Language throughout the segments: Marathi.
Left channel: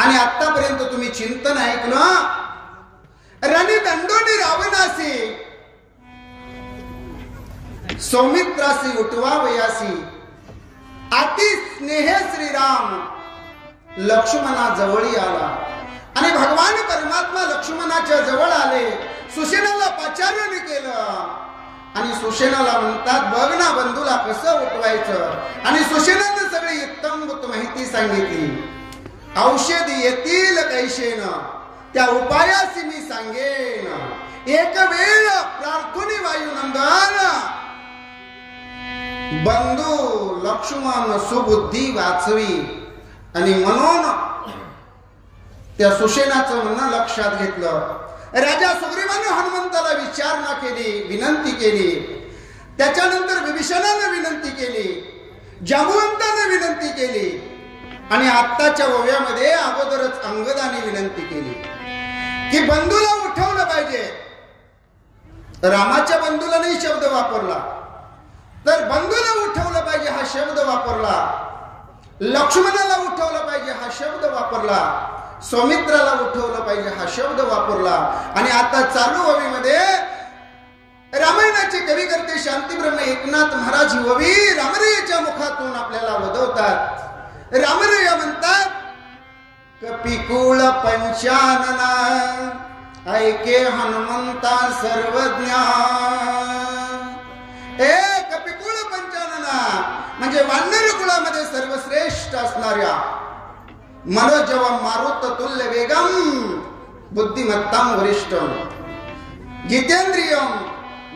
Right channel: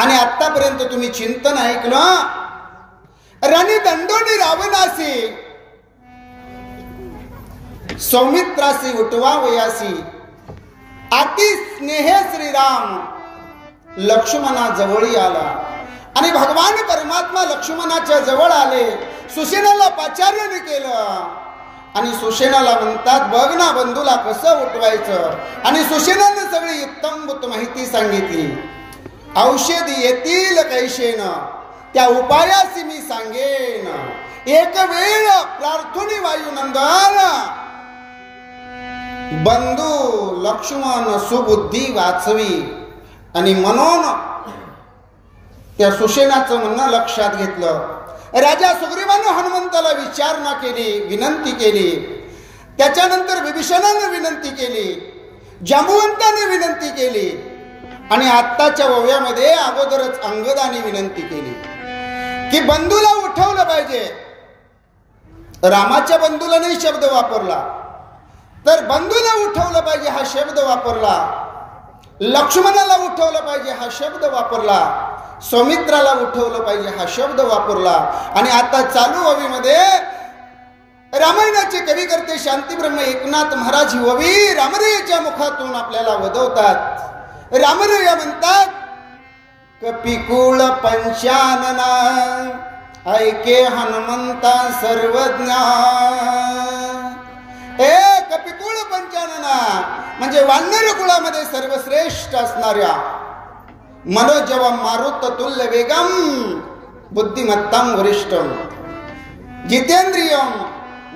आणि आतापर्यंत तुम्ही चिंतन ऐकलं. राणी दंडोनी रावणासी, सौमित्रासी उठवावयासी, अति स्नेह श्रीराम लक्ष्मणा जवळी आला. आणि भगवान परमात्मा लक्ष्मणाच्या जवळ आले. सुसेनाला पाचारण केलं आणि सुसेनाला म्हणतात, बघ ना बंधूला कसं उठवायचं. आणि सुसेनानं सगळी इत्तंभूत माहिती सांगितली. औषध येतील कैशेन, त्या उपायाची मी सांगेन. एक वेळ प्रार्थनी वायुनंदन, बंधू लक्ष्मण सुबुद्धी वाचवी. आणि म्हणून त्या सुसेनाचं म्हणणं लक्षात घेतलं. राजा सुग्रीवानं हनुमंताला विचारणा केली, विनंती केली. त्याच्यानंतर विभीषणानं विनंती केली, जांबुवंतानं विनंती केली. आणि आत्ताच्या ओव्यामध्ये अगोदरच अंगदाने विनंती केली की बंधूला उठवलं पाहिजे. रामाच्या बंधूला नाही शब्द वापरला, तर बंधूला उठवलं पाहिजे हा शब्द वापरला. लक्ष्मणाला उठवलं पाहिजे हा शब्द वापरला. सौमित्राला उठवलं पाहिजे हा शब्द वापरला. आणि आता चालू ओवीमध्ये रामायणाचे कवी करते शांतीब्रह्म एकनाथ महाराज ही ओवी रामरयाच्या मुखातून आपल्याला वदवतात. रामरया म्हणतात, कपिकुळ पंचानना ऐके हनुमंता सर्वज्ञा. कपिकुळ पंचानना म्हणजे वानर कुळामध्ये सर्वश्रेष्ठ असणाऱ्या, मनोजवम मारुत तुल्य वेगम बुद्धिमत्ताम वरिष्ठम, जितेंद्रियम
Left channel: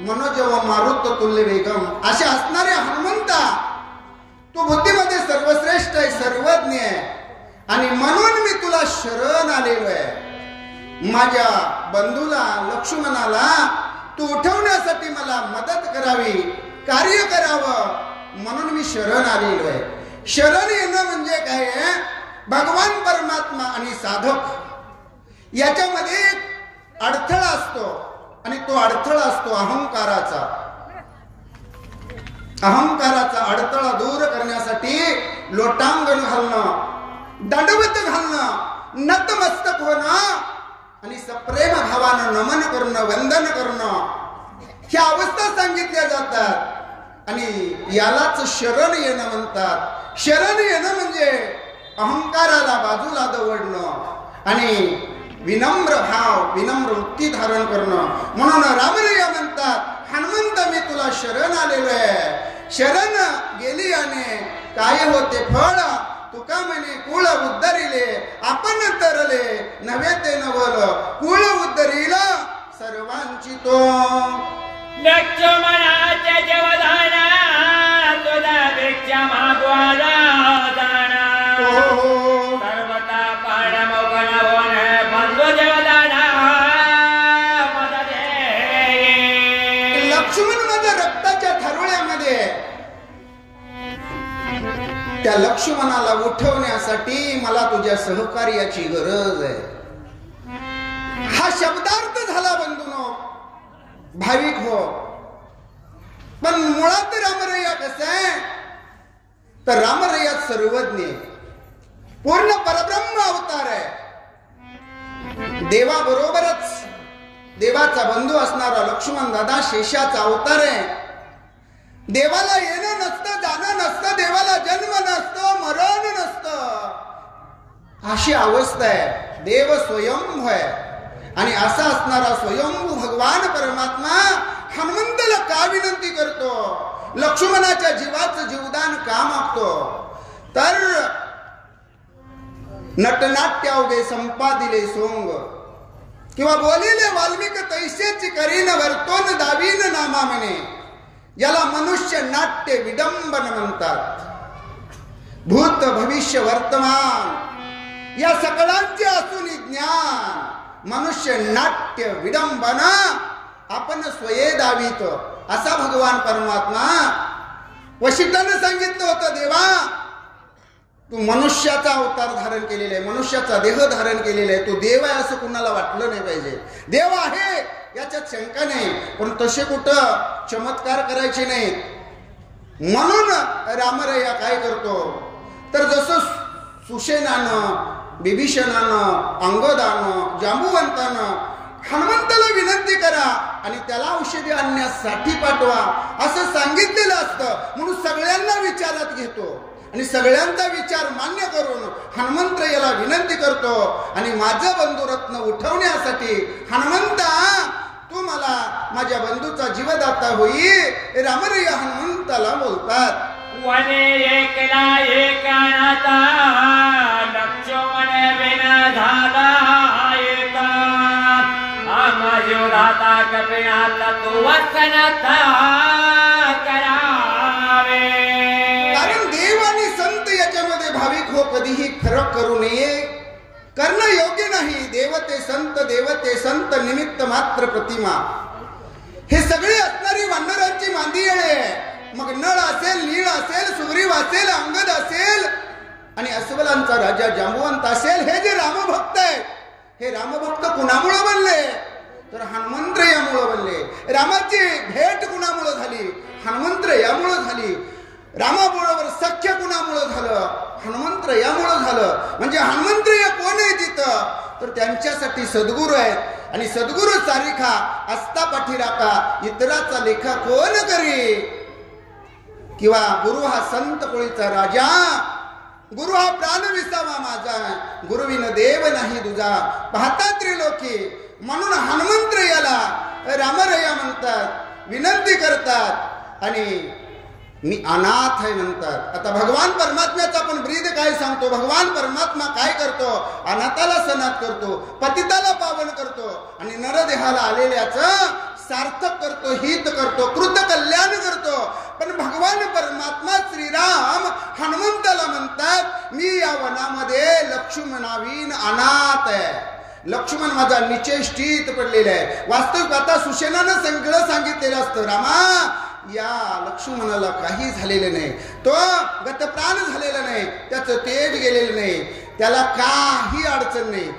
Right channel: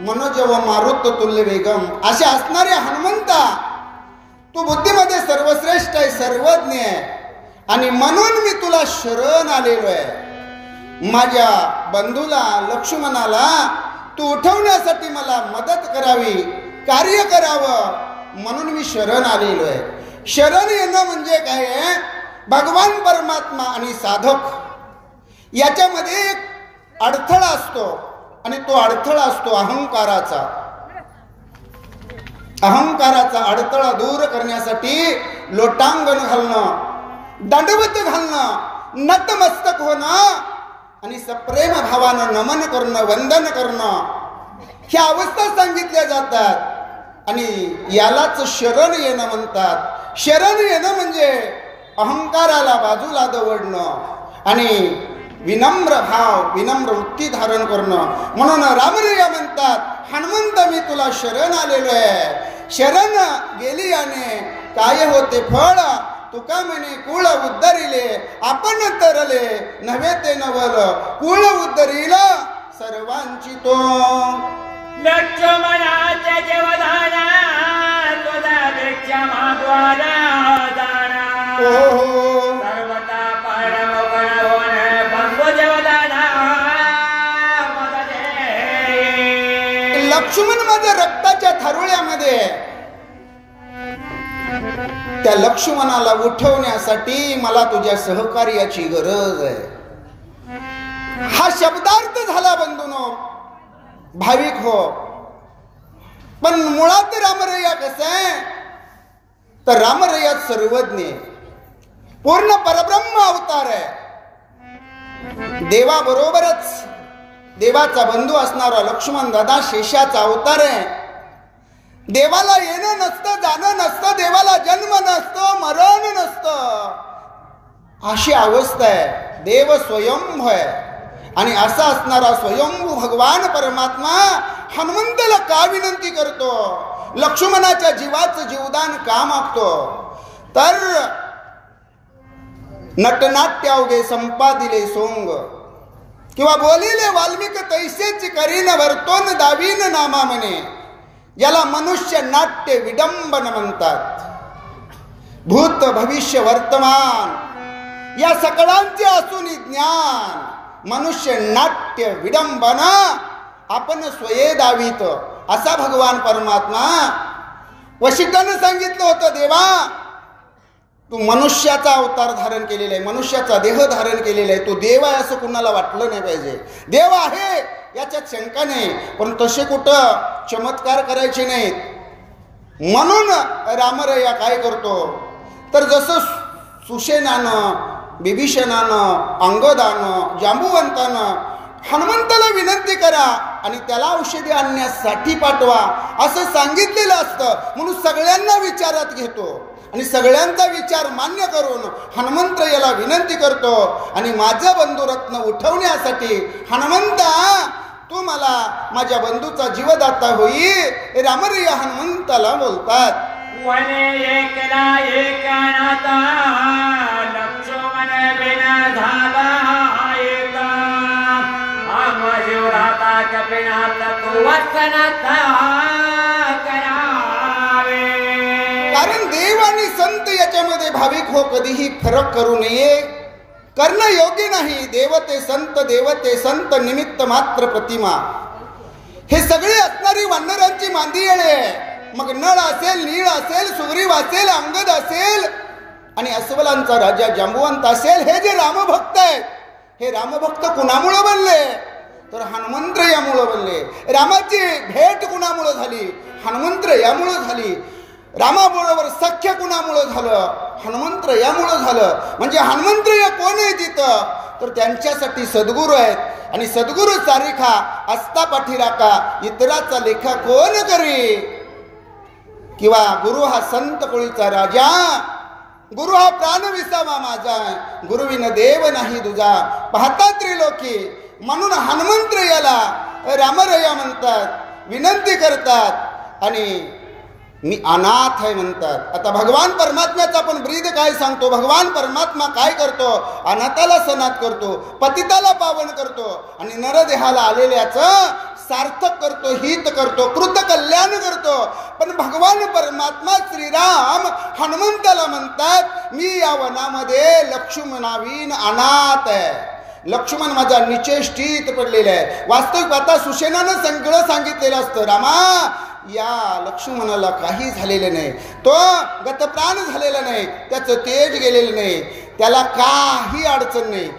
मनोजवम मारुत तुल्य वेगम, अशा असणाऱ्या हनुमंता तू बुद्धीमध्ये सर्वश्रेष्ठ आहे, सर्वज्ञ आहे. आणि म्हणून मी तुला शरण आलेलो आहे. माझ्या बंधूला लक्ष्मणाला तू उठवण्यासाठी मला मदत करावी, कार्य करावं, म्हणून मी शरण आलेलो आहे. शरण येणं म्हणजे काय आहे? भगवान परमात्मा आणि साधक याच्यामध्ये एक अडथळा असतो. आणि तो अडथळा असतो अहंकाराचा. अहंकाराचा अडथळा दूर करण्यासाठी लोटांगण घालणं, दंडवत घालणं, नतमस्तक होणं आणि सप्रेम भावानं नमन करणं, वंदन करणं, ह्या अवस्था सांगितल्या जातात. आणि यालाच शरण येणं म्हणतात. शरण येणं म्हणजे अहंकाराला बाजूला दवडणं आणि विनम्र भाव, विनम्र वृत्ती धारण करणं. म्हणून रामरया म्हणतात, हनुमंत मी तुला शरण आलेलो आहे. शरण गेली आणि काय होते फळ, तुका म्हणे कुळ उद्धरिले आपण तरले, नव्हे ते नवल कुळ उद्धरिल सर्वांची तो. लक्ष्मणाच्या जवदाना तुझ्यापेक्षा मागवाला जाणा, सर्वता परमगुण होण बंधू जवदाना मदत. लक्ष्मण माझ्या रक्ताच्या थारोळ्यामध्ये, त्या लक्ष्मणाला उठवण्यासाठी मला तुझ्या सहकार्याची गरज आहे. हा शब्दार्थ झाला बंधूनो, भाविक हो. पण मुळात रामरया कसं आहे, तर रामरया सर्वज्ञ, पूर्ण परब्रह्म अवतार आहे. देवाबरोबरच देवाचा बंधू असणारा लक्ष्मण दादा शेषाचा अवतार आहे. देवाला येणं नसतं, जाणं नसतं, देवाला जन्म नसतं, मरण नसतं, अशी अवस्था आहे. देव स्वयंभू आहे. आणि असा असणारा स्वयंभू भगवान परमात्मा हनुमंताला का विनंती करतो, लक्ष्मणाच्या जीवाचं जीवदान का मागतो, तर नटनाट्य अवघे संपादिले सोंग, किंवा बोलिले वाल्मिक तैसेची करीन वर्तोन दावीन नामा म्हणे, याला मनुष्य नाट्य विडंबन म्हणतात. भूत भविष्य वर्तमान या सकळांचे असून ज्ञान, मनुष्य नाट्य विडंबना आपण स्वये दावीत, असा भगवान परमात्मा वशिष्ठानं सांगितलं होतं. देवा तू मनुष्याचा अवतार धारण केलेला आहे, मनुष्याचा देह धारण केलेला आहे. तो देव आहे असं कुणाला वाटलं नाही पाहिजे. देव आहे याच्यात शंका नाही, पण तसे कुठं चमत्कार करायचे नाहीत. म्हणून रामरया काय करतो, तर जसं सुसेनानं विभीषणानं, अंगदानं, जांबुवंतानं हनुमंताला विनंती करा आणि त्याला औषधी आणण्यासाठी पाठवा असं सांगितलेलं असतं. म्हणून सगळ्यांना विचारात घेतो आणि सगळ्यांचा विचार मान्य करून हनुमंत याला विनंती करतो आणि माझं बंधुरत्न उठवण्यासाठी हनुमंता तू मला माझ्या बंधूचा जीवदाता होई रामरया हनुमंताला बोलतात. वने एकला एकानाता लक्ष्मण बिना झाला एका आमजीवराता कपिनाथ तू वचनाता करावे. कारण देव आणि संत याच्यामध्ये भाविक हो कधीही फरक करू नये, करणं योग्य नाही. देवते संत निमित्त मात्र प्रतिमा. हे सगळे असणारी वानरांची मांदी येळे. मग नळ असेल, नीळ असेल, सुग्रीव असेल, अंगद असेल आणि अस्वलांचा राजा जांबुवंत असेल, हे जे रामभक्त आहेत, हे रामभक्त कुणामुळे बनले तर हनुमंत यामुळे बनले. रामाची भेट कुणामुळे झाली? हनुमंत यामुळे झाली. रामाबरोबर सख्य कुणामुळे झालं? हनुमंत यामुळे झालं. म्हणजे हनुमंत या कोण आहे तिथं तर त्यांच्यासाठी सद्गुरू आहेत आणि सद्गुरू सारिखा असता पाठीराखा इतराचा लेखा कोण करी. किंवा गुरु हा संत कोळीचा राजा, गुरु हा प्राण विसावा माझा, गुरुविन देव नाही तुझा पाहता त्रिलोकी. म्हणून हनुमंत याला रामरया म्हणतात, विनंती करतात आणि मी अनाथ आहे म्हणतात. आता भगवान परमात्म्याचा आपण ब्रीद काय सांगतो. भगवान परमात्मा काय करतो? अनाथाला सनाथ करतो, पतिताला पावन करतो आणि नरदेहाला आलेल्याचं सार्थक करतो, हित करतो, कृत कल्याण करतो. पण भगवान परमात्मा श्रीराम हनुमंताला म्हणतात मी या वनामध्ये लक्ष्मणावीन अनाथ आहे. लक्ष्मण माझा निचेष्टित पडलेला आहे. वास्तविक आता सुशेनानं सगळं सांगितलेलं असतं. रामा या लक्ष्मणाला काही झालेलं नाही, तो गतप्राण झालेला नाही, त्याचं तेज गेलेलं नाही, त्याला काही अडचण नाही.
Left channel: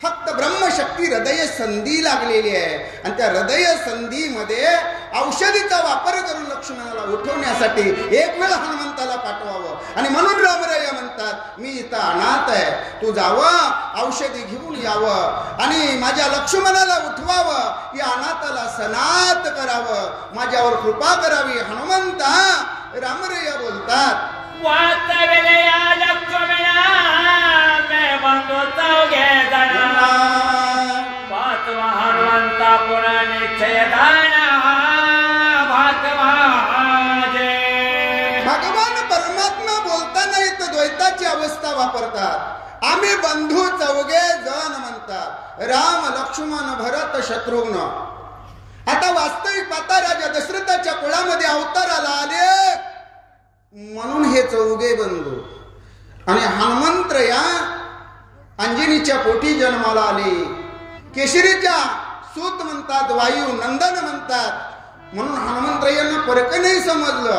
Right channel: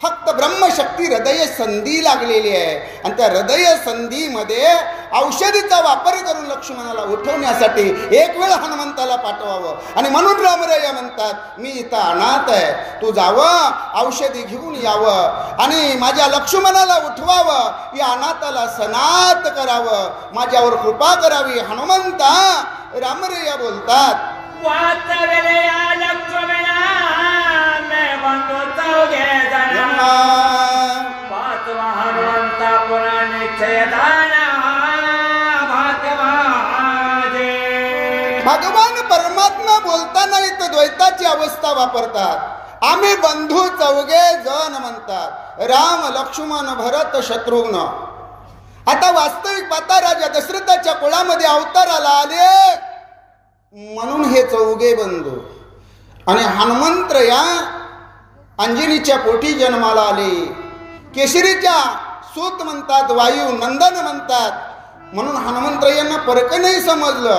फक्त ब्रह्मशक्ती हृदय संधी लागलेली आहे आणि त्या हृदय संधीमध्ये औषधीचा वापर करून लक्ष्मणाला उठवण्यासाठी एक वेळ हनुमंताला पाठवावं. आणि म्हणून रामरया म्हणतात मी इथं अनाथ आहे, तू जावं, औषधी घेऊन यावं आणि माझ्या लक्ष्मणाला उठवावं, या अनाथाला सनाथ करावं, माझ्यावर कृपा करावी. हनुमंता रामरया बोलतात वास्तवेलया लक्ष्मणा मैं बंधु चौघे जन्मा पाचवा हनुमंता पुरा निश्चय दाना भागवाजे. भगवान परमात्मा बोलताना इथं द्वैताची अवस्था वापरतात. आम्ही बंधू चौघे जण म्हणतात, राम, लक्ष्मण, भरत, शत्रुघ्न. आता वास्तविक पाहता राजा दशरथाच्या कुळामध्ये अवताराला आले म्हणून हे चौघे बंधू. आणि हनुमंत या अंजनीच्या पोटी जन्माला आले. केशरीच्या सूत म्हणतात, वायू नंदन म्हणतात. म्हणून हनुमंत यांना फरक नाही समजलं.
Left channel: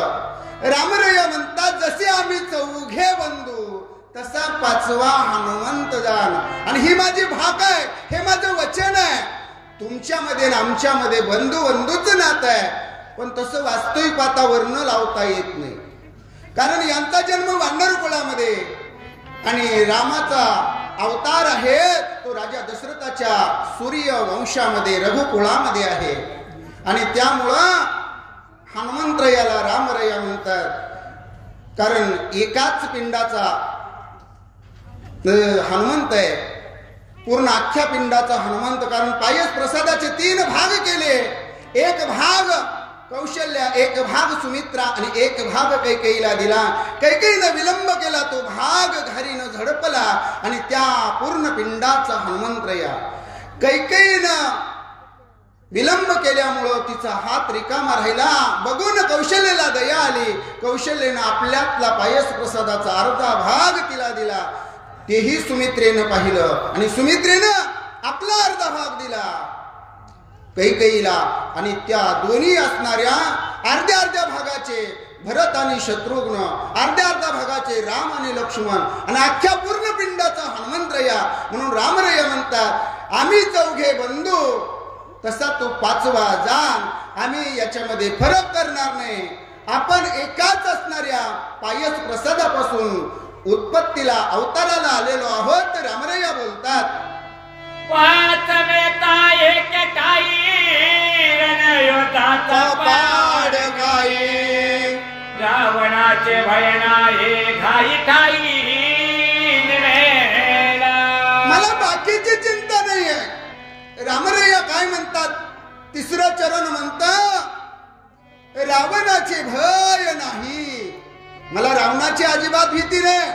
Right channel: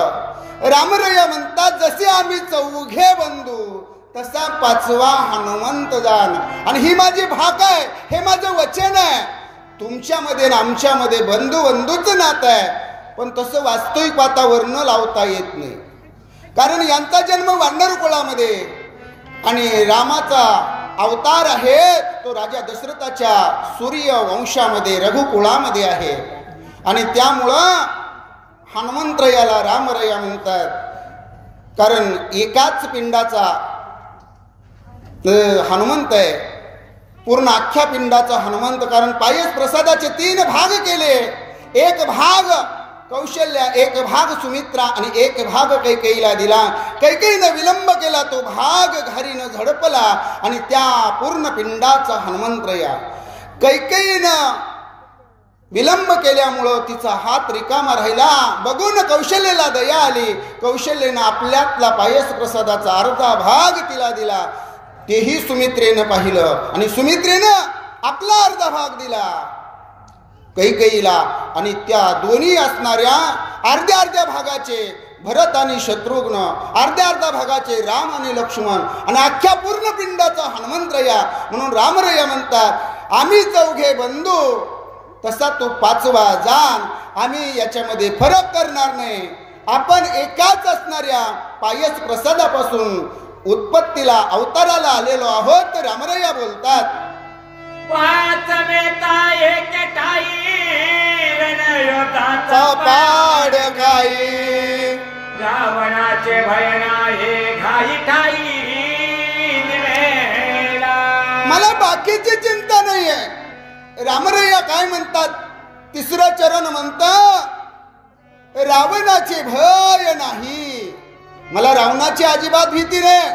रामरया म्हणतात जसे आम्ही चौघे बंधू तसा पाचवा हनुमंत जाण. आणि ही माझी भाक आहे, हे माझं वचन आहे. तुमच्यामध्ये आणि आमच्यामध्ये बंधूचं नातं आहे, पण तसं वास्तविक वातावरण लावता येत नाही. कारण यांचा जन्म वानर कुळामध्ये आणि रामाचा अवतार आहे तो राजा दशरथाच्या सूर्य वंशामध्ये रघुकुळामध्ये आहे. आणि त्यामुळं हनुमंत याला रामरया म्हणतात. कारण एकाच पिंडाचा हनुमंत आहे, पूर्ण अख्ख्या पिंडाचा हनुमंत. कारण पायस प्रसादाचे 3 भाग केले. एक भाग कौशल्या, एक भाग सुमित्रा आणि एक भाग कैकेयीला दिला. कैकेयीनं विलंब केला, तो भाग घारीनं झडपला आणि त्या पूर्ण पिंडाचा हनुमंतया. कैकेयीनं विलंब केल्यामुळं तिचा हात रिकामा राहिला. बघून कौशल्याला दया आली. कौशल्यानं आपल्यातला पायस प्रसादाचा अर्धा भाग तिला दिला. तेही सुमित्रेनं पाहिलं आणि सुमित्रेनं आपला अर्धा भाग दिला कैकेयीला. आणि त्या दोन्ही असणाऱ्या अर्ध्या भागाचे भरत आणि शत्रुघ्न, अर्ध्या भागाचे राम आणि लक्ष्मण आणि अख्ख्या पूर्ण पिंडाचा हनुमंतया. म्हणून रामरया म्हणतात आम्ही चौघे बंधू तसा तो पाचवा जाण. आम्ही याच्यामध्ये फरक करणार नाही. आपण एकाच असणाऱ्या पायस प्रसादापासून उत्पत्तीला अवताराला आलेलो आहोत. रामरया बोलतात, पाच मेता एक ठाई रणयोद्धाचा पाड काही, रावणाचे भय नाही घाई ठाई निमेला. मला बाकीची चिंता नाहीये. रामरया काय म्हणतात, तिसरं चरण म्हणतं, रावणाचे भय नाही. मला रावणाची अजिबात भीती नाही.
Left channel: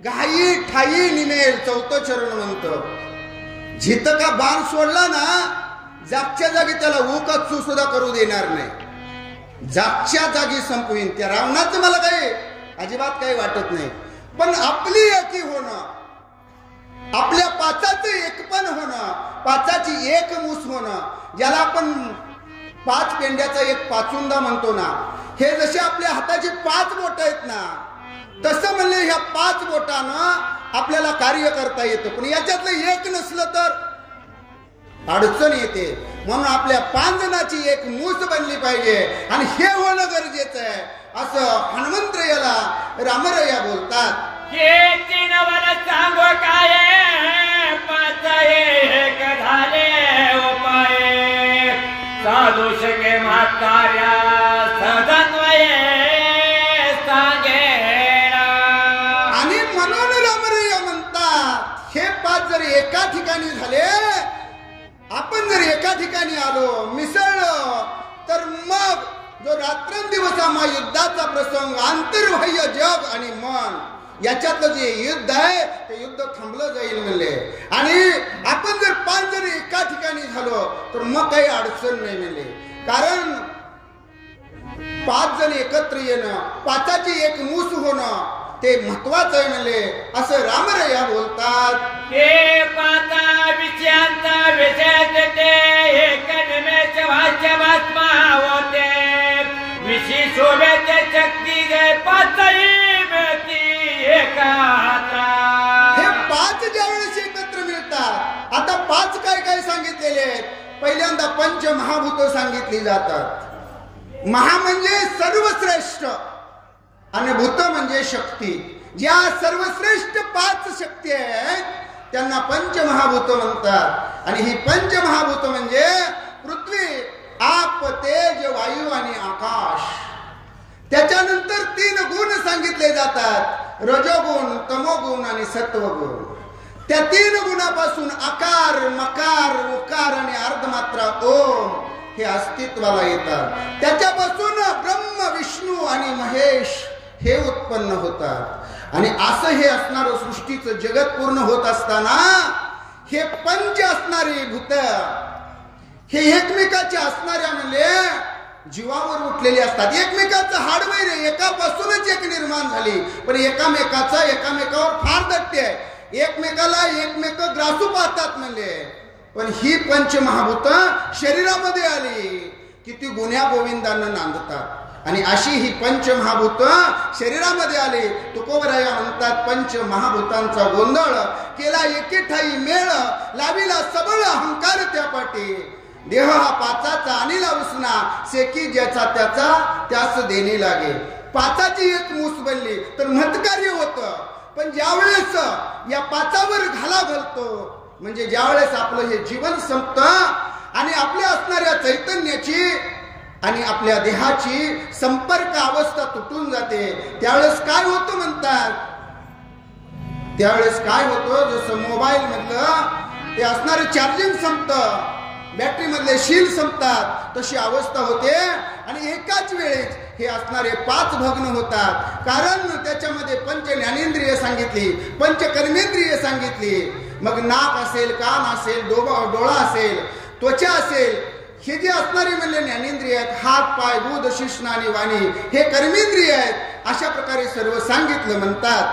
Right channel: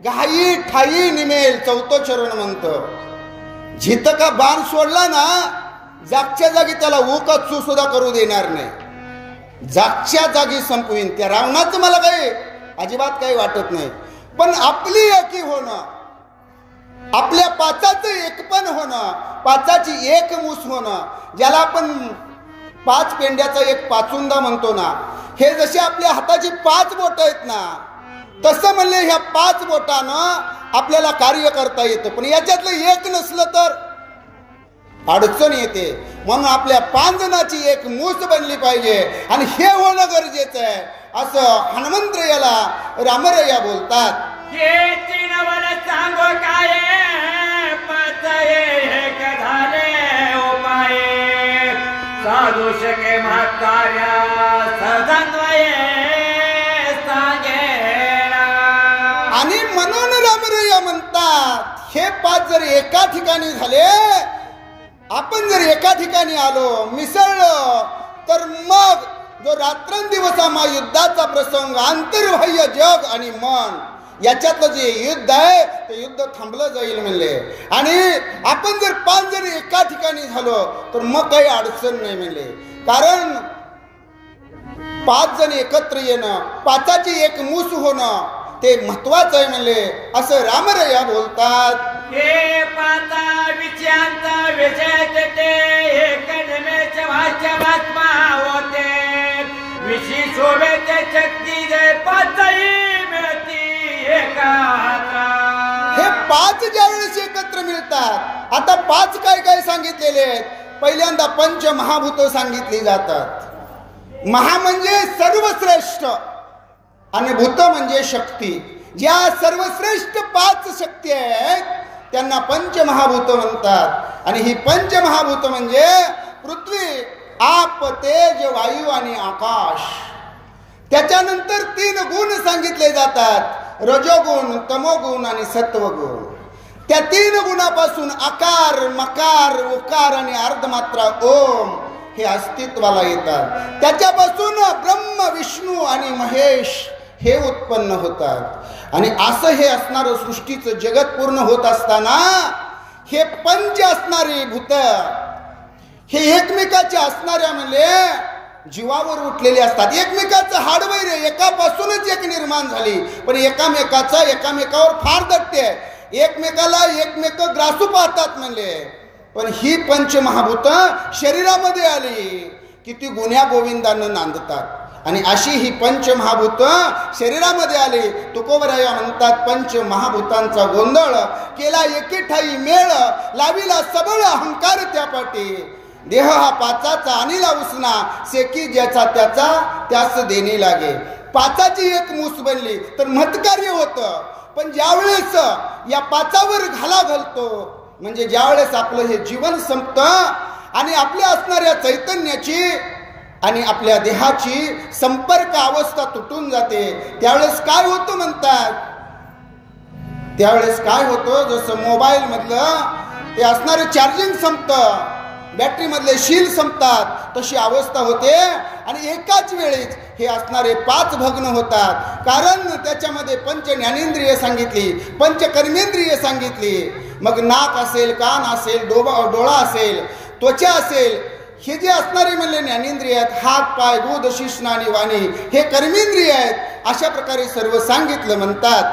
घाई ठाई निमेल. चौथं चरण म्हणतं, जिथं का बाण सोडला ना, जागच्या जागी त्याला उकाचू सुद्धा करू देणार नाही. जागच्या जागी संपवीन. त्या रावणाचं मला काही अजिबात काही वाटत नाही. पण आपली एकी होणं, आपल्या पाचाचं एकपण होणं, पाचाची एक मूस होणं, ज्याला आपण 5 पेंड्याचा एक पाचुंदा म्हणतो ना, हे जसे आपल्या हाताची 5 बोट आहेत ना, तसं म्हणले ह्या 5 बोटानं आपल्याला कार्य करता येतं. पण याच्यातलं एक नसलं तर अडचण येते. म्हणून आपल्या 5 जणांची एक मूस बनली पाहिजे आणि हे होणं गरजेचं आहे, असं हनुमंतरायाला रामरया बोलतात. हे तीनवर सांगो काय पाच एक झाले उपाय साधू शके म्हातार्या सदन्वये सांगेला. आणि म्हणून रामरया म्हणतात, हे 5 जर एका ठिकाणी झाले, आपण जर एका ठिकाणी आलो, मिसळलो, तर मग जो रात्रंदिवस युद्धाचा प्रसंग, आंतरबाह्य जग आणि मन याच्यातलं जे युद्ध आहे ते युद्ध थांबलं जाईल म्हणले. आणि आपण जर 5 जण एका ठिकाणी झालो तर मग काही अडचण नाही म्हणले. कारण 5 जण एकत्र येणं, 5ची एक मूस होणं ते महत्वाचं आहे म्हणले, असं रामरया बोलतात. हे पाता विचांत विजय ते एक नमेचे वाच्य बातमा होते विशी शोभेचे शक्ती गए पाचही मिळती एकात्रा. हे 5 ज्या वेळेस एकत्र मिळतात. आता 5 काय काय सांगितलेले आहेत. पहिल्यांदा पंचमहाभूत सांगितली जातात. महा म्हणजे सर्वश्रेष्ठ आणि भूत म्हणजे शक्ती. ज्या सर्वश्रेष्ठ 5 शक्ती आहेत त्यांना पंचमहाभूत म्हणतात. आणि ही पंचमहाभूत म्हणजे पृथ्वी, आप, तेज, वायू आणि आकाश. त्याच्यानंतर 3 गुण सांगितले जातात, रजोगुण, तमोगुण आणि सत्वगुण. त्या 3 गुणापासून आकार, मकार, उकार आणि अर्धमात्रा ओम हे अस्तित्वाला येतात. त्याच्यापासून ब्रह्म, विष्णू आणि महेश हे उत्पन्न होतात. आणि असं हे असणारं सृष्टीचं जगत पूर्ण होत असताना हे पंच असणारी भूत हे एकमेकाच्या असणाऱ्या म्हणजे जीवावर उठलेले असतात. एकमेकाचं हाडवैर एकापासूनच एक निर्माण झाली, पण एकामेकावर फार दट्टे आहे. एकमेकाला एकमेक ग्रासू पाहतात म्हणले. पण ही पंचमहाभूत शरीरामध्ये आली की ती गुण्या गोविंदानं नांदतात. आणि अशी ही पंचमहाभूत शरीरामध्ये आली. तुकोबराया म्हणतात, पंचमहाभूतांचा गोंधळ केला एके ठाई मेळ, लाविला सबळ अहंकार त्या पाठी. देह हा 5चा आणिला उसना, सेकी ज्याचा त्याचा त्यास देणे लागे. 5ची एक मूस बनली तर महत्कार्य होतं. पण ज्यावेळेस या 5वर घाला घालतो, म्हणजे ज्यावेळेस आपलं हे जीवन संपतं आणि आपल्या असणाऱ्या चैतन्याची आणि आपल्या देहाची संपर्क अवस्था तुटून जाते, त्यावेळेस काय होतं म्हणतात. त्यावेळेस काय होतं, जसं मोबाईल मधलं ते असणारं चार्जिंग संपतं, बॅटरी मधले शील संपतात, तशी अवस्था होते. आणि एकाच वेळेस हे असणारे 5 भग्न होतात. कारण त्याच्यामध्ये पंच ज्ञानेंद्रिय सांगितली, पंच कर्मेंद्रिय सांगितली. मग नाक असेल, कान असेल, डोळा असेल, त्वचा असेल, हे जे असणारे म्हणले ज्ञानेंद्रिय आहेत. हात, पाय, दूध, शिश्न आणि वाणी हे कर्मेंद्रिय आहेत. अशा प्रकारे सर्व सांगितलं म्हणतात.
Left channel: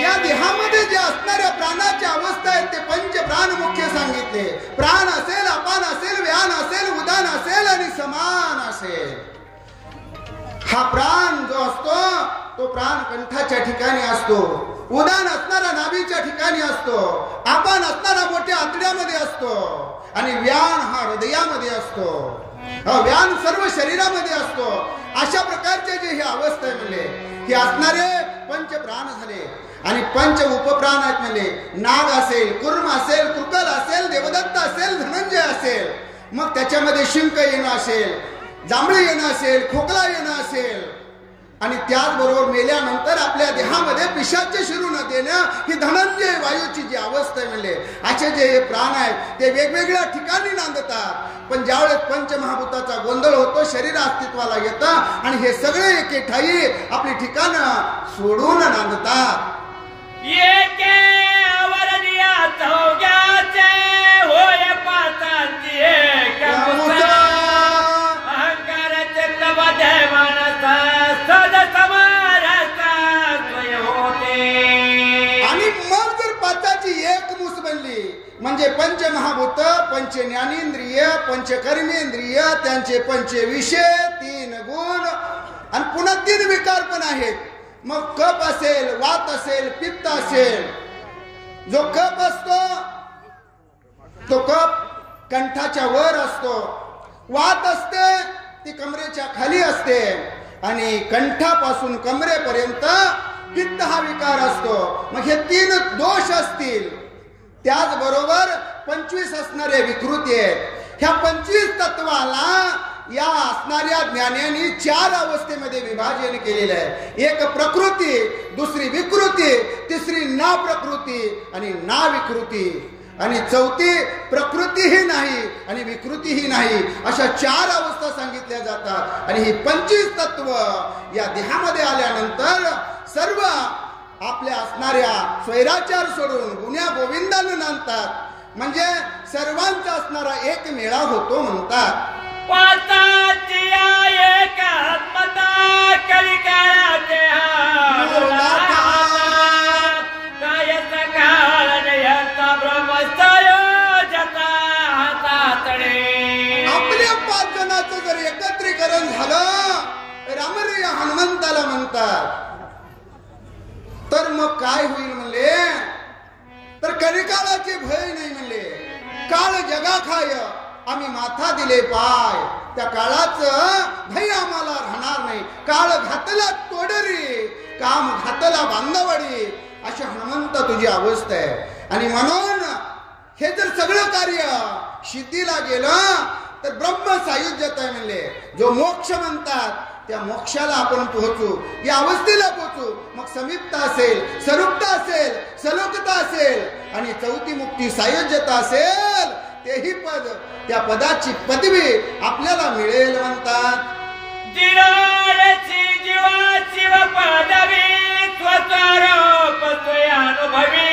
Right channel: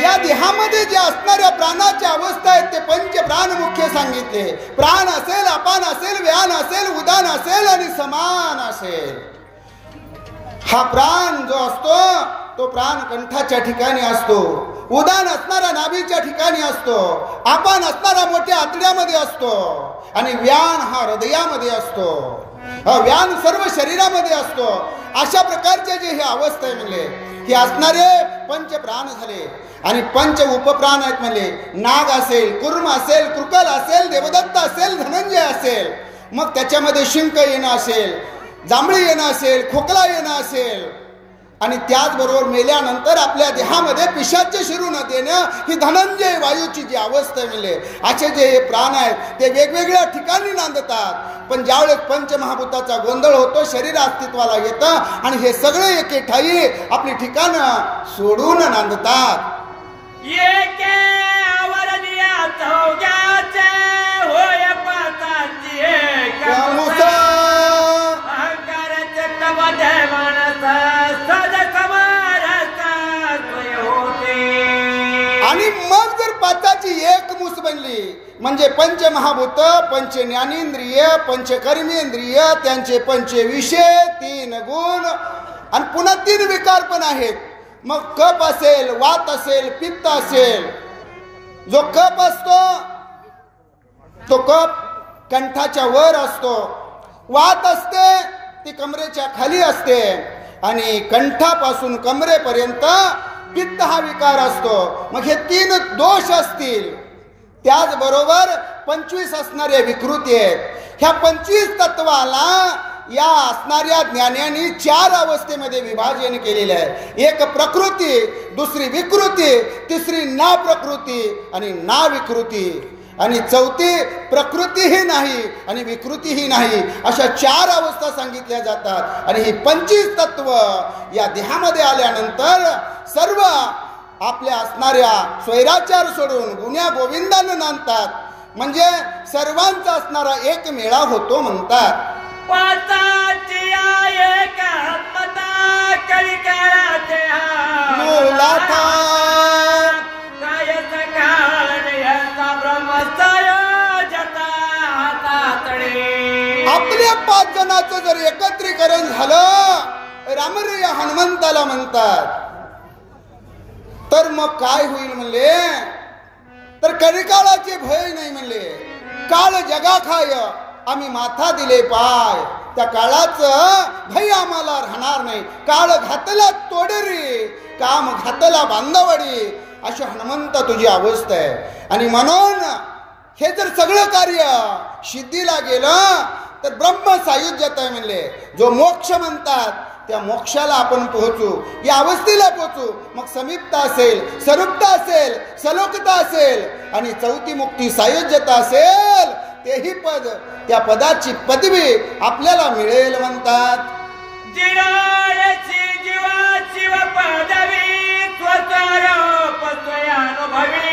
या देहामध्ये जे असणाऱ्या प्राणाच्या अवस्था आहेत ते पंच प्राण मुख्य सांगितले. प्राण असेल, अपान असेल, व्यान असेल, उदान असेल आणि समान असेल. हा प्राण जो असतो तो प्राण कंठाच्या ठिकाणी असतो, उदान असणारा नाभीच्या ठिकाणी असतो, आपण असणारा मोठ्या आतड्यामध्ये असतो आणि व्यान हा हृदयामध्ये असतो, व्यान सर्व शरीरामध्ये असतो. अशा प्रकारचे जे हे अवस्था आहे म्हणले हे असणारे पंच प्राण झाले. आणि पंच उपप्राण आहेत म्हणले. नाग असेल, कुर्म असेल, कृकल असेल, देवदत्त असेल, धनंजय असेल, मग त्याच्यामध्ये शिंक येणं असेल, जांभळी येणं असेल, खोकला येणं असेल, आणि त्याचबरोबर मेल्यानंतर आपल्या देहामध्ये पिशाच्य शिरू न देणं ही धनंजय वायूची जी अवस्था आहे म्हणले. असे जे हे प्राण आहेत ते वेगवेगळ्या ठिकाणी नांदतात. पण ज्यावेळेस पंचमहाभूताचा गोंधळ होतो शरीर अस्तित्वाला येतं आणि हे सगळे एके ठाई आपली ठिकाणं सोडून नांदतात. एके आवरनिया चौघ्याचे होय पातांची एक अहंकाराचे तबदे मनस सद समरता स्वय होते. आणि मग जर पाताची एक मूस बनली म्हणजे पंचमहाभूत, पंच ज्ञानेंद्रिय, पंच कर्मेंद्रिय, त्यांचे पंच विषय, 3 गुण आणि पुन्हा 3 विकार पण आहेत. मग कप असेल, वात असेल, पित्त असेल. जो कप असतो तो कप कंठाच्या वर असतो, वात असते ती कमरेच्या खाली असते आणि कंठापासून कमरेपर्यंत पित्त हा विकार असतो. मग हे 3 दोष असतील. त्याचबरोबर 25 असणारे विकृती आहेत. ह्या 25 तत्वाला या असणाऱ्या ज्ञानाने 4 अवस्थेमध्ये विभाजन केलेलं आहे. एक प्रकृती, दुसरी विकृती, तिसरी ना प्रकृती आणि ना विकृती, आणि चौथी प्रकृतीही नाही आणि विकृतीही नाही. अशा 4 अवस्था सांगितल्या जातात. आणि ही 25 तत्व या देहामध्ये आल्यानंतर सर्व आपल्या असणाऱ्या स्वैराचार सोडून गुण्या गोविंदानं नांदतात. म्हणजे सर्वांचा असणारा एक मेळा होतो म्हणतात. पाताची एक आत्मता कलिकाळाचे काय सकाळ नयसा ब्रह्मसयोजता हातातडे. आपल्या 5 जणांचं जर एकत्रीकरण झालं रामरिया हनुमंताला म्हणतात. तर मग काय होईल म्हणले, तर कलिकाळाचे भय नाही म्हणले. काळ जगा खाय आम्ही माथा दिले पाय, त्या काळाचं भय आम्हाला राहणार नाही. काळ घातला तोडरी, काम घातला बांधवडी, अशी हनुमंत तुझी अवस्था आहे. आणि म्हणून हे जर सगळं कार्य सिद्धीला गेलं तर ब्रह्म सायुज्यता आहे म्हणले. जो मोक्ष म्हणतात त्या मोक्षाला आपण पोहोचू, या अवस्थेला पोहोचू. मग समीपता असेल, सरूपता असेल, सलोकता असेल आणि चौथी मुक्ती सायुज्यता असेल, तेही पद, त्या पदाची पदवी आपल्याला मिळेल म्हणतात. जीवा शिव पदवी स्वस्वरूप स्वयानुभवी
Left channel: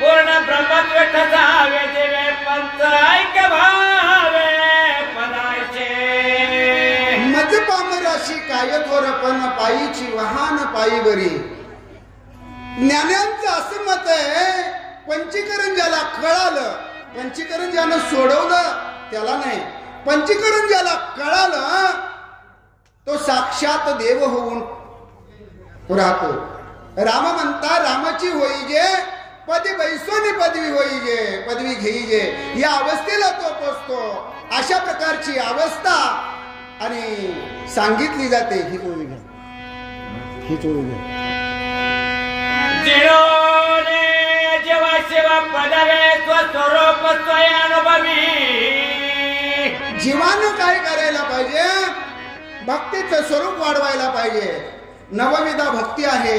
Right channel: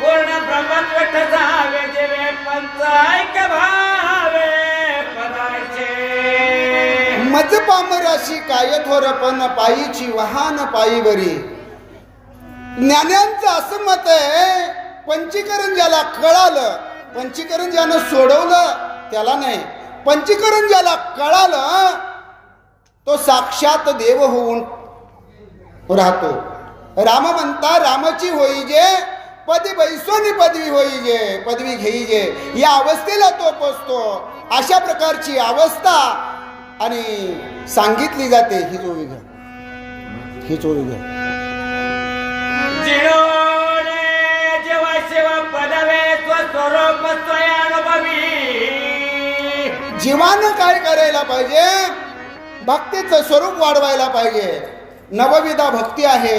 पूर्ण ब्रह्मत्व जावे जीवे पंचायक भावे पदाचे. मज पामराशी काय थोरपण पायीची वाहन पायीवरी. ज्ञान्यांचं असं मत आहे, पंचीकरण ज्याला कळालं, पंचीकरण ज्यानं सोडवलं त्याला नाही, पंचीकरण ज्याला कळालं तो साक्षात देव होऊन राहतो. राम म्हणता रामाची होई जे पदी बैसोनी पदवी होई जे, पदवी घेई जे, या अवस्थेला तो पोचतो. अशा प्रकारची अवस्था आणि सांगितली जाते. ही चोळी घ्या, ही चोळी घ्या. जेव्हा सेवा पदवे स्वस्वरूप स्वयानुभवी. जीवानं काय करायला पाहिजे, भक्तीचं स्वरूप वाढवायला पाहिजे. नवविधा भक्ती आहे.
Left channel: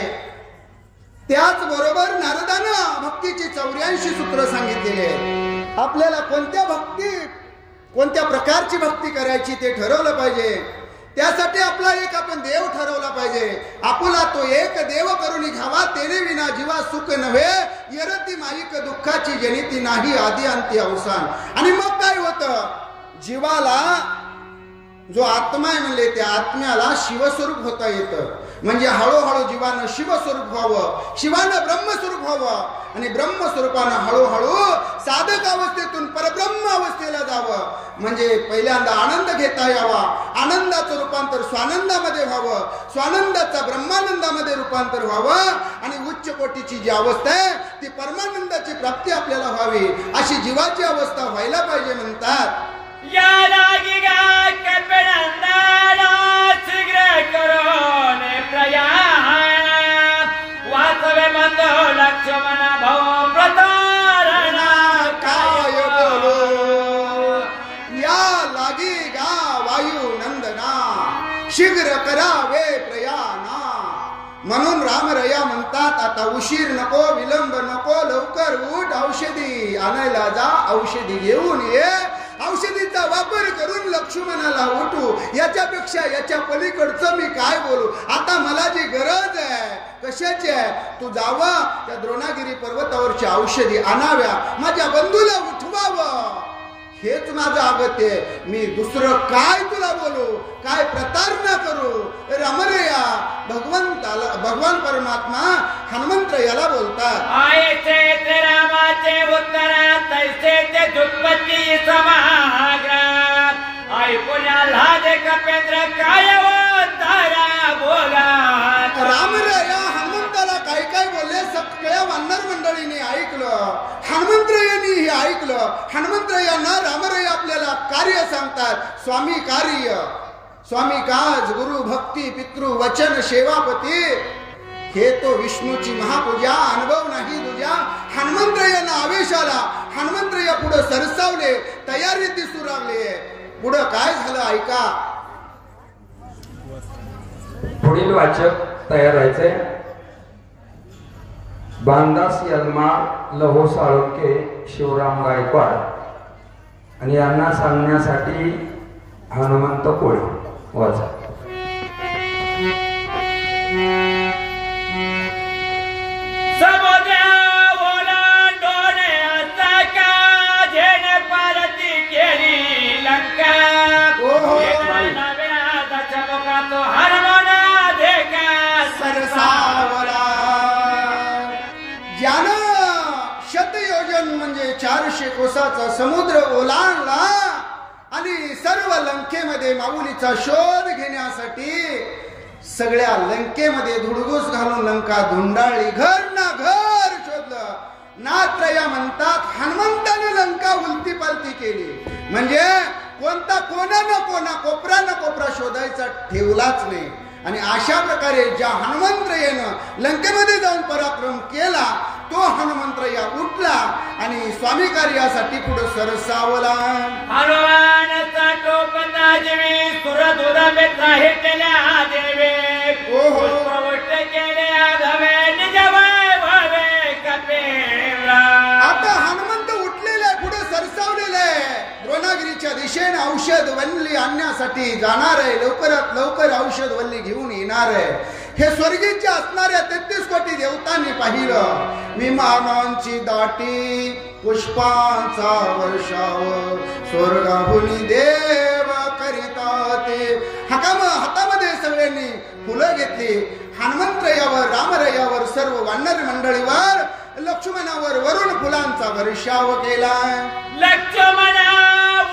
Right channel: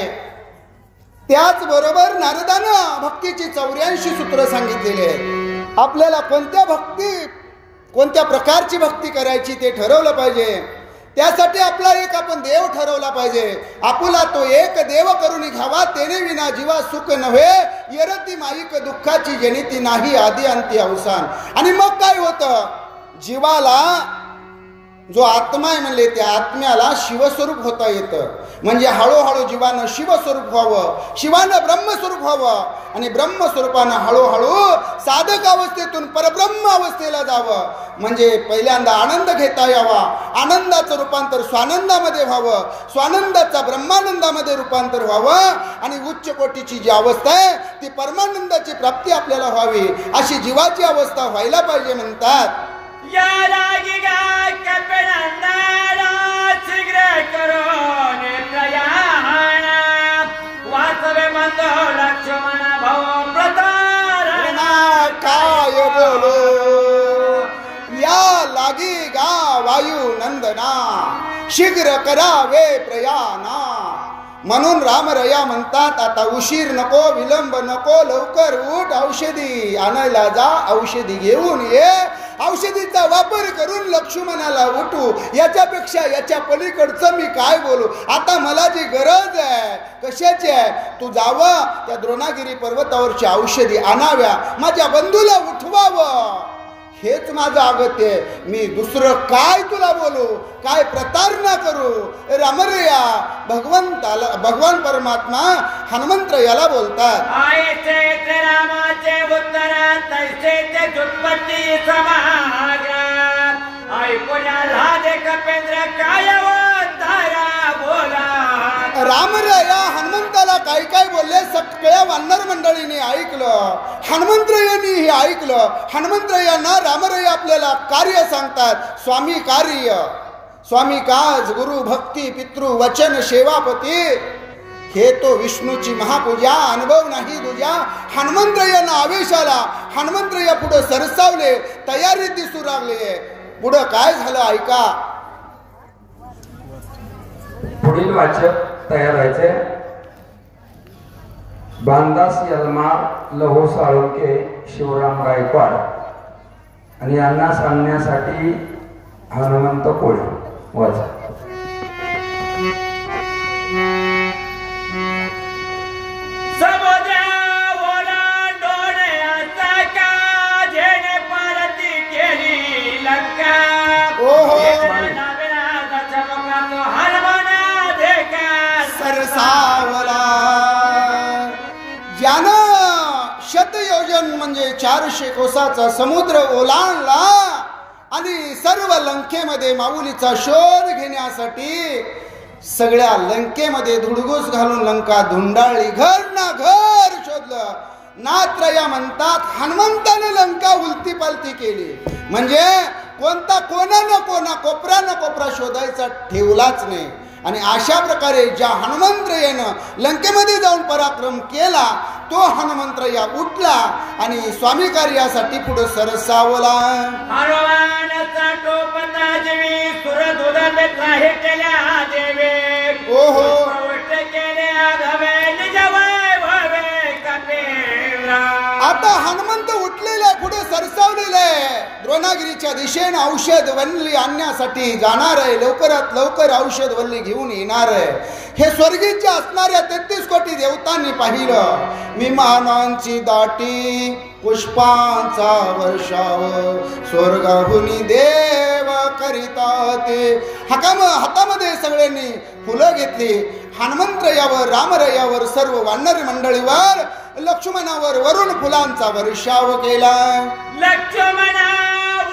त्याचबरोबर नारदानं भक्तीची 84 सूत्र सांगितलेली आहेत. आपल्याला कोणत्या भक्ती, कोणत्या प्रकारची भक्ती करायची ते ठरवलं पाहिजे. त्यासाठी आपला एक आपण देव ठरवला पाहिजे. आपुला तो एक देव करून घ्यावा, तेने विना जीवा सुख नव्हे, येरती माईक दुःखाची जनिती नाही, आदी अंती अवसान. आणि मग काय होतं, जीवाला जो आत्मा आहे म्हणले त्या आत्म्याला शिवस्वरूप होता येतं. म्हणजे हळूहळू जीवानं शिवस्वरूप व्हावं, शिवानं ब्रह्मस्वरूप व्हावं. आणि ब्रह्मस्वरूपानं हळूहळू साधक अवस्थेतून परब्रह्म अवस्थेला जावं. म्हणजे पहिल्यांदा आनंद घेता यावा, आनंदाचं रूपांतर स्वानंदामध्ये व्हावं, स्वानंदाचा ब्रह्मानंदामध्ये रूपांतर व्हावं आणि उच्च कोटीची जी अवस्था आहे ती परमानंदाची प्राप्ती आपल्याला व्हावी, अशी जीवाची अवस्था व्हायला पाहिजे म्हणतात. या लागी गा कपिनंदना शीघ्र करून प्रयाण वासवे मंदो लक्ष्मण भाऊ प्रतारणा काय बोलो. या लागी गा वायू नंदना शीघ्र करावे प्रयाणा. म्हणून रामरया म्हणतात आता उशीर नको, विलंब नको, लवकर उठ, औषधी आणायला जा, औषधी घेऊन ये. औषधीचा वापर करून लक्ष्मणाला उठू. याच्यापेक्षा याच्या पलीकडचं मी काय बोलू. आता मला जी गरज आहे कशाची आहे, तू जावा त्या द्रोणागिरी पर्वतावरच्या औषधी आणाव्या, माझ्या बंधूला उठवावं, हेच माझं अगत्य आहे. मी दुसरं काय तुला बोलू, काय प्रतारणा करू. रामरया भगवान परमात्मा हनुमंत याला बोलतात. आयचे ते रामाचे उत्तर तैसे ते दुष्पत्ती समाग्र ऐकूया लादे कपेंद्र काय वंदरा बोला. रामरया हनुमंताला काय काय बोलले सगळ्या वानर मंडळीने ऐकलं, हनुमंतरायांनी ऐकलं. हनुमंतरायांना रामरया आपल्याला कार्य सांगतात. स्वामी कार्य, स्वामी काज, गुरु भक्ती, पितृ वचन, सेवापती, हे तो विष्णूची महापूजा, अनुभव नाही तुझ्या. हनुमंतरायांना आवेश आला. हनुमंतराया पुढे सरसावले, तयारी दिसू लागले. पुढं काय झालं ऐका. पुढील वाचक तयार व्हायचे. बांदास यलमार, लहो साळुंके, शिवराम गायकवाड आणि यांना सांगण्यासाठी हनुमंत कोळे. वाचा. समुद्र ओलांडून आता का झेने पारती केली लंका. हनुमाना देखा सरसावला. ज्यानं शतयोजन म्हणजे 400 कोसाचा समुद्र ओलांडला आणि सर्व लंकेमध्ये माऊलीचा शोध घेण्यासाठी सगळ्या लंकेमध्ये धुडगूस घालून लंका धुंडाळली, घर ना घर शोधलं. नात्रया म्हणतात हनुमंताने लंका उलती पालती केली. म्हणजे कोणता कोपरा न कोपरा शोधायचा ठेवलाच नाही. आणि अशा प्रकारे ज्या हनुमंतरायानं लंकेमध्ये जाऊन पराक्रम केला तो हनुमंतराया उठला आणि स्वामी कार्यासाठी पुढे सरसावला. हनुमानाचा टोपता जीवी सुरदुद बेत्राहे केल्या देवे. ओहो प्रवष्ट केले आघावे निजवय भवे कपेरा. आता हनुमंत उठलेले पुढे सरसावलेले द्रोणागिरीच्या दिशेने औषध वल्ली आणण्यासाठी जाणार आहे. लवकरात लवकर औषध वल्ली घेऊन येणार आहे. हे स्वर्गीच्या असणाऱ्या 33 कोटी देवतांनी पाहिलं. विमानांची दाटी, पुष्पांचा वर्षाव, स्वर्गाहून देव करिता ते. हातामध्ये सगळ्यांनी फुलं घेतली. हनुमंतरायावर, रामरयावर, सर्व वानर मंडळीवर, लक्ष्मणावर वरून फुलांचा वर्षाव केला. लक्ष्मणा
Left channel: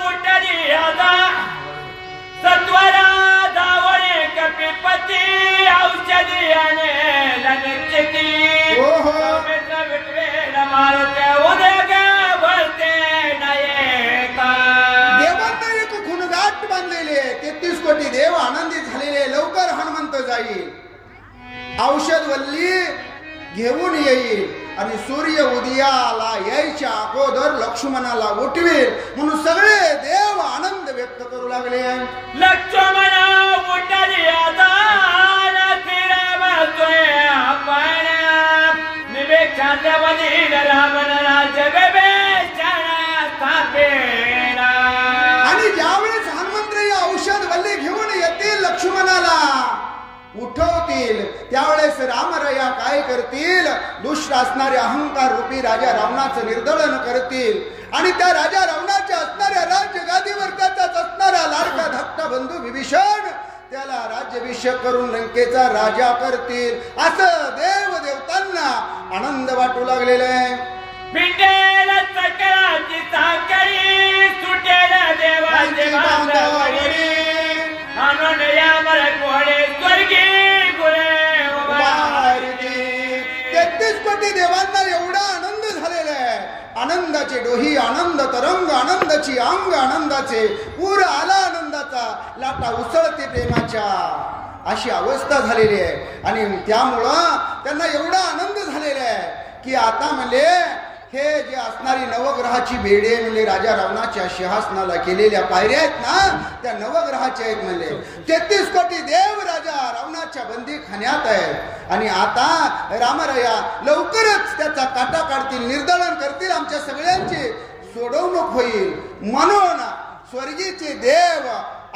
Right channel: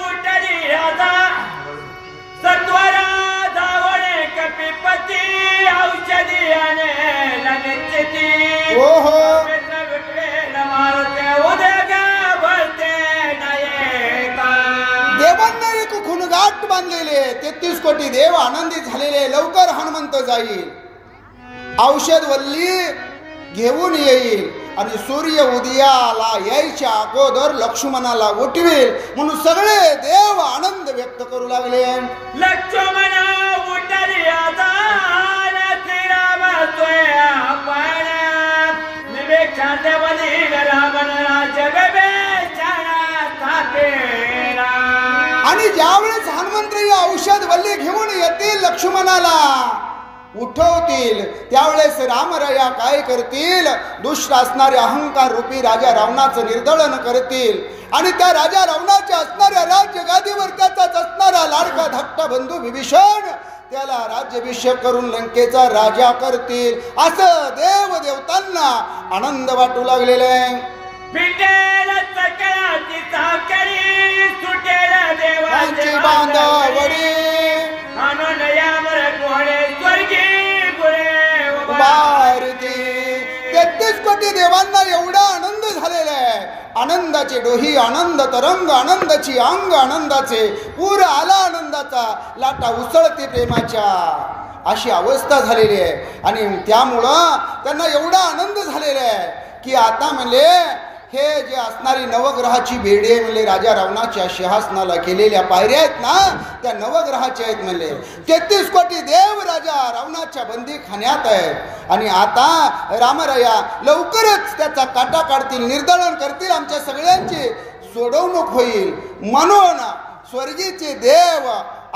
उठली आता सत्वरा धावणे कपिपती औषधी आणे लगेच. ओहो मारते उद्या भरते नाही का. देवांना एक खुणगाट बांधलेले 33 कोटी देव आनंदित झालेले. लवकर हनुमंत जाईल, औषध वल्ली घेऊन येईल आणि सूर्य उदयाला यायच्या अगोदर लक्ष्मणाला उठवेल म्हणून सगळे देव आनंद व्यक्त करू लागले. लक्ष्मणा उठली आता श्रीराम निवेक्षाच्या बली रावण राज्य आणि ज्यावेळेस हनुमंतराय औषध वल्ली घेऊन येतील, लक्ष्मणाला उठवतील, त्यावेळेस रामरया काय करतील, दुष्ट असणारे अहंकार रूपी राजा रावणाचं निर्दळन करतील आणि त्या राजा रावणाच्या असणाऱ्या राज्य गादीवर त्याचाच असणारा लाडका धाकटा बंधू विभीषण त्याला राज्याभिषेक करून लंकेचा राजा करतील असं देव देवतांना आनंद वाटू लागलेला आहे. पिंडेला सकळाची साखळी सुटेल देवाची बांधावडी आणून या मरकोडे स्वर्गी गुळे भारती. 33 कोटी देवांना एवढा आनंद झालेला आहे. आनंदाचे डोही आनंद तरंग आनंदाची अंग आनंदाचे पूर आला आनंदाचा लाटा उसळते प्रेमाच्या अशी अवस्था झालेली आहे. आणि त्यामुळं त्यांना एवढा आनंद झालेला आहे की आता म्हणले हे जे असणारी नवग्रहाची बेडी आहे म्हणले राजा रावणाच्या सिंहासनाला केलेल्या पायऱ्या आहेत ना त्या नवग्रहाच्या आहेत म्हणले. 33 कोटी देव राजा रावणाच्या बंदी खाण्यात आहेत आणि आता रामराया लवकरच त्याचा काटा काढतील निर्दलन करतील आमच्या सगळ्यांची सोडवणूक होईल म्हणून स्वर्गीचे देव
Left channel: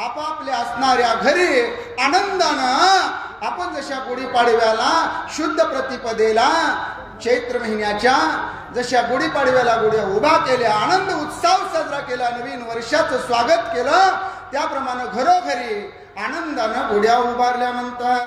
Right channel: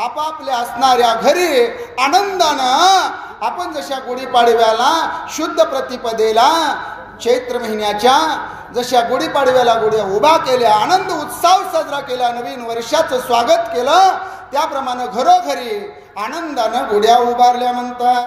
आपापल्या असणाऱ्या घरी आनंदानं आपण जशा गुढीपाडव्याला शुद्ध प्रतिपदेला चैत्र महिन्याच्या जशा गुढीपाडव्याला गुढ्या उभा केल्या आनंद उत्सव साजरा केला नवीन वर्षाचं स्वागत केलं त्याप्रमाणे घरोघरी आनंदानं गुढ्या उभारल्या म्हणतात.